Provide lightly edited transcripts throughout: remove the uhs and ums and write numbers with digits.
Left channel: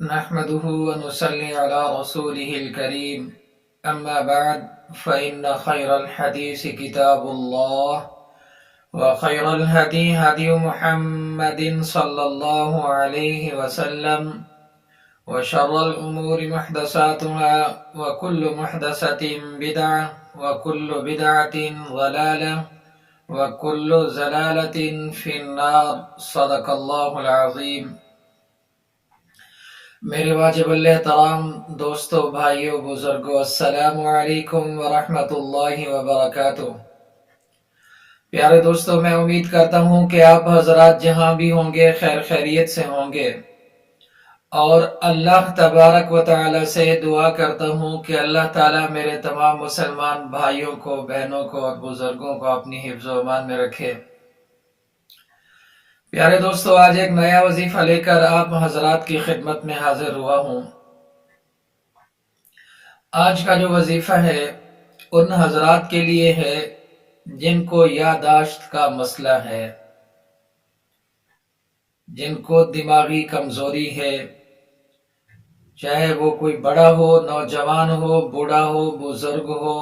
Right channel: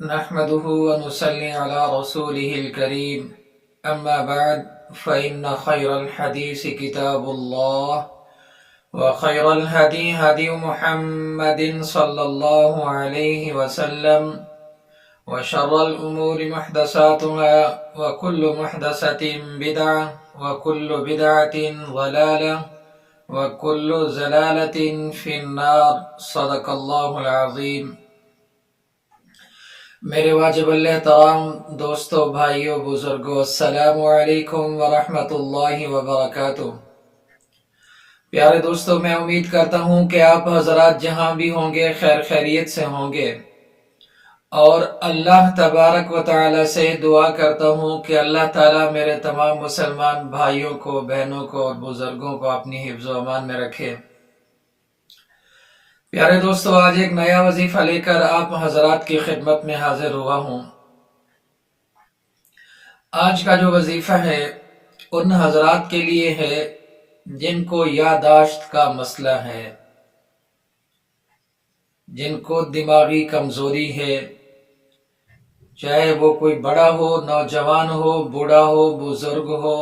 نحمده ونصلي على رسوله الكريم أما بعد فإن خير الحديث كتاب الله وخير الهدي هدي محمد صلى الله عليه وسلم وشر الأمور محدثاتها وكل محدثة بدعة وكل بدعة ضلالة وكل زلالة في النار صدق الله العظيم۔ میرے واجب الاحترام دوستو، بھائیو، بزرگو، السلام علیکم ورحمۃ اللہ وبرکاتہ۔ پیارے دوستو، میں امید کرتا ہوں کہ آپ حضرات جہاں بھی ہوں گے خیر خیریت سے ہوں گے، اور اللہ تبارک و تعالی سے دعا کرتا ہوں کہ اللہ تعالی میرے تمام مسلمان بھائیوں کو، بہنوں کو اور بزرگوں کو اپنی حفظ و امان میں رکھے۔ پیارے دوستو، آج ایک نیا وظیفہ لے کر آپ حضرات کی خدمت میں حاضر ہوا ہوں۔ آج کا جو وظیفہ ہے ان حضرات کے لیے ہے جن کو یادداشت کا مسئلہ ہے، جن کو دماغی کمزوری ہے، چاہے وہ کوئی بڑا ہو، نوجوان ہو، بوڑھا ہو، بزرگ ہو،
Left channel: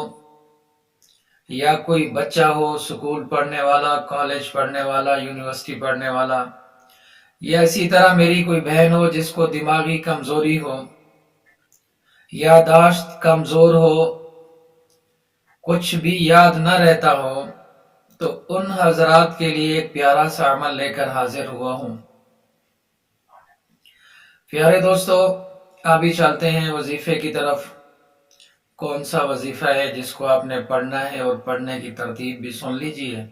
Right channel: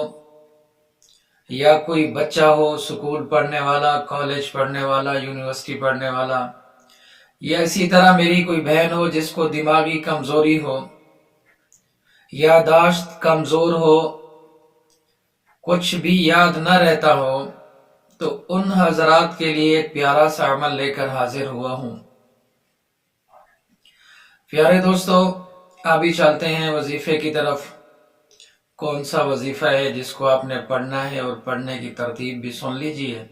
یا کوئی بچہ ہو، سکول پڑھنے والا، کالج پڑھنے والا، یونیورسٹی پڑھنے والا، یا اسی طرح میری کوئی بہن ہو جس کو دماغی کمزوری ہو، یادداشت کمزور ہو، کچھ بھی یاد نہ رہتا ہو، تو ان حضرات کے لیے ایک پیارا سا عمل لے کر حاضر ہوا ہوں۔ پیارے دوستو، ابھی چلتے ہیں وظیفے کی طرف۔ کون سا وظیفہ ہے جس کو آپ نے پڑھنا ہے، اور پڑھنے کی ترتیب بھی سن لیجئے۔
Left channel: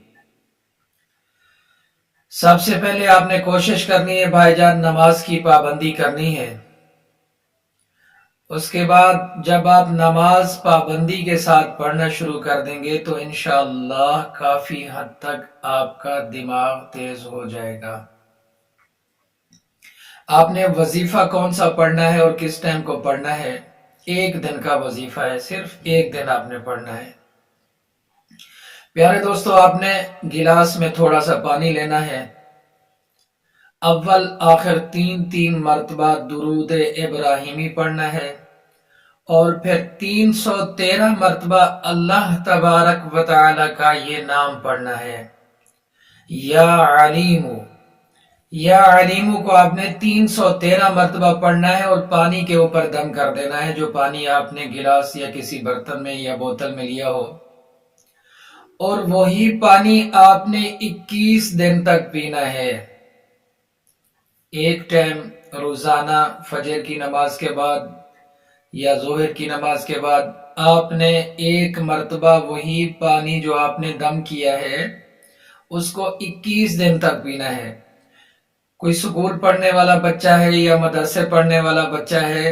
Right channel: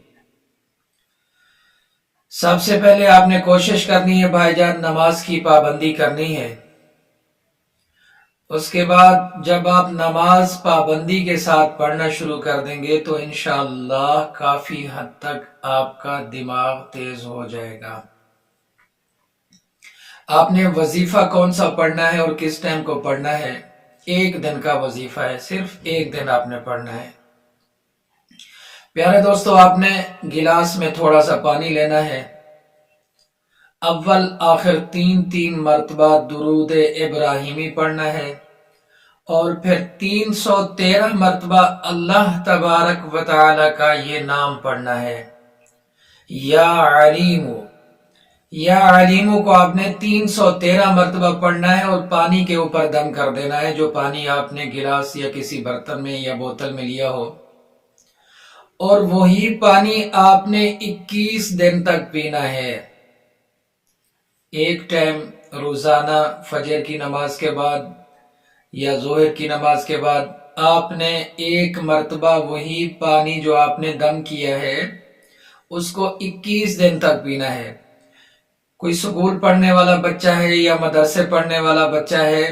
سب سے پہلے آپ نے کوشش کرنی ہے بھائی جان، نماز کی پابندی کرنی ہے۔ اس کے بعد جب آپ نماز پابندی کے ساتھ پڑھنا شروع کر دیں گے تو انشاءاللہ کافی حد تک آپ کا دماغ تیز ہو جائے گا۔ آپ نے وظیفہ کون سا پڑھنا ہے اور کس ٹائم کو پڑھنا ہے؟ ایک دن کا وظیفہ ہے، صرف ایک دن آپ نے پڑھنا ہے۔ پیارے دوستو، آپ نے گلاس میں تھوڑا سا پانی لینا ہے، اول آخر تین مرتبہ درود ابراہیمی پڑھنا ہے، اور پھر 313 مرتبہ اللہ تبارک و تعالی کا یہ نام پڑھنا ہے، یا علیمو۔ یا علیمو کو آپ نے 313 مرتبہ پڑھنا ہے، اور پانی کے اوپر دم کر دینا ہے، جو پانی آپ نے گلاس یا کسی برتن میں یا بوتل میں لیا ہو، اور وہی پانی آپ نے 21 دن تک پینا ہے۔ ایک ٹائم روزانہ فجر کی نماز کے بعد یا ظہر کی نماز کے بعد آپ نے ایک مرتبہ وہی پانی جو آپ نے دم کیا ہے اس کو 21 دن تک پینا ہے۔ کوئی سکول پڑھنے والا بچہ ہے، یا مدرسے پڑھنے والا بچہ ہے،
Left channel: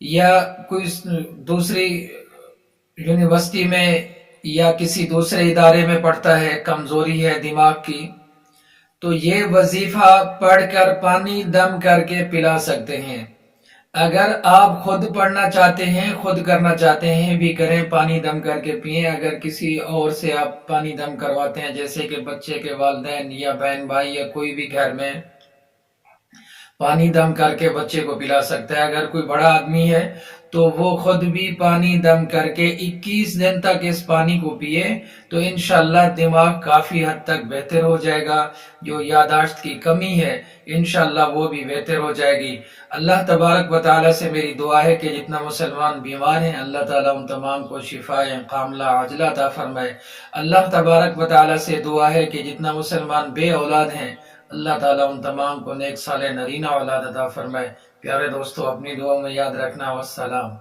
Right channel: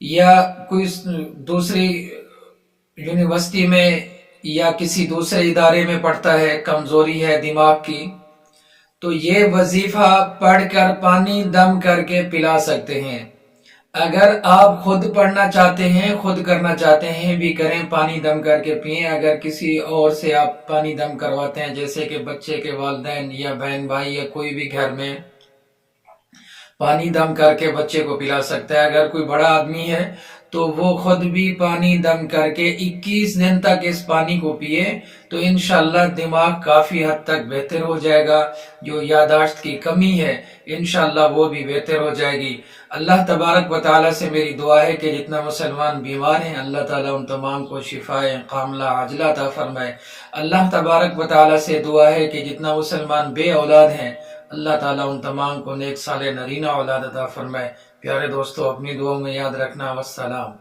یا کوئی دوسری یونیورسٹی میں یا کسی دوسرے ادارے میں پڑھتا ہے، کمزوری ہے دماغ کی، تو یہ وظیفہ پڑھ کر پانی دم کر کے پلا سکتے ہیں۔ اگر آپ خود پڑھنا چاہتے ہیں، خود کرنا چاہتے ہیں بھی کریں، پانی دم کر کے پئیں۔ اگر کسی اور سے آپ پانی دم کرواتے ہیں، جیسے کہ بچے کے والدین یا بہن بھائی یا کوئی بھی گھر میں، پانی دم کر کے بچے کو پلا سکتا ہے۔ اگر کوئی بڑا آدمی ہے تو وہ خود بھی پانی دم کر کے 21 دن تک اس پانی کو پیے تو انشاءاللہ دماغ کافی حد تک بہتر ہو جائے گا۔ جو یادداشت کی کمی ہے انشاءاللہ وہ بھی بہتر ہو جائے گی۔ اللہ تبارک و تعالی سے میری دعا ہے کہ جتنا مسلمان بیمار ہیں اللہ تعالیٰ ان تمام کو شفائے کاملہ عاجلہ عطا فرمائے۔ اللہ تبارک و تعالی سے دعا ہے کہ جتنا مسلمان بے اولاد ہیں اللہ تعالیٰ ان تمام کو نیک صالح نرینہ اولاد عطا فرمائے۔ پیارے دوستو، اپنی دعاؤں میں یاد رکھنا۔ والسلام۔